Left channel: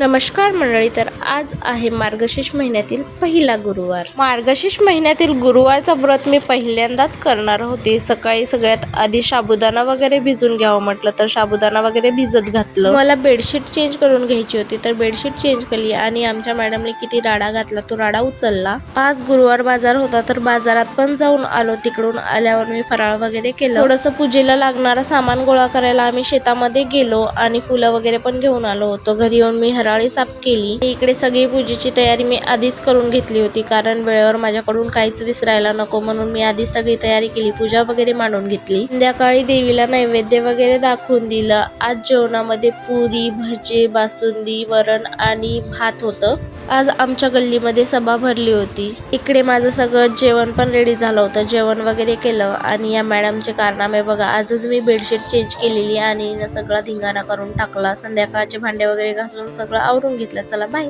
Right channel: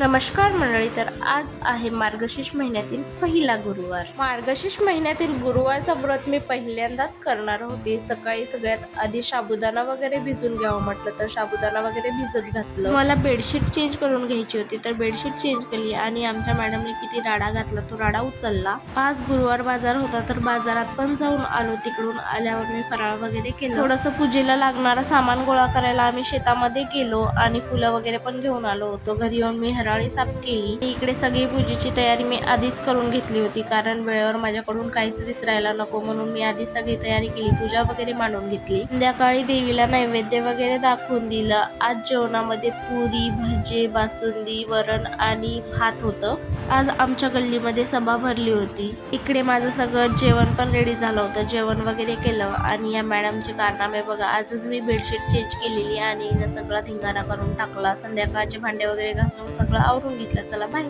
नमस्कार मंडळी, तर आज आहे मार्गशीर्ष महिन्यातील पहिला गुरुवार. मार्गशीर्ष महिन्यातील गुरुवारचा व्रत मी पहिल्यांदाच करणार होते. सकाळी सगळ्यात आधी साबुदाणा वगैरे भिजून घ्यावं म्हटलं तर साबुदाणा वगैरे भिजत घातलं. मला बेडशीट चेंज करून घ्यायची होती तर बेडशीट चेंज केली आणि आमच्या मॅडमने किती राडा घातला तो राडा उचलला. आज गुरुवार बाजार होता तर बाजारात पण जाऊन आलो. तिकडून आल्यावर मी फराळ वगैरे केलं. थोडंसं पूजेला लागणारा सामान गोळा करायला आम्ही शेतामध्ये गेलो आणि फुलं वगैरे पण घेऊन आलो होतो. घरी येऊन मी हराळी साफ केली. इकडे सगळी पूजेची तयारी मी आधीच करून घेतली होती कारण वेळेवर माझ्याकडून काहीच विसरायला नको म्हणून मी आधीच सगळी तयारी केली. पूजा वगैरे मांडून घेतली. संध्याकाळी देवीला नैवेद्य वगैरे दाखवून दिलं. आज जेवणामध्ये पुरी, भजे, बासुंदी, वरण आणि भात होतं. आज आमच्या गल्लीमध्ये सभा भरली होती. इकडे माझं सगळं जेवण पण रेडी झालं होतं. जेवण वगैरे केलं आणि या मॅडमचे कारनामे बघा. आजच मी बेडशीट चेंज केलेली आणि सगळा धिंगाणा करून टाकला. संध्याकाळचे भांडे वगैरे घासून सगळं आवरून घेतलं. चला बाय.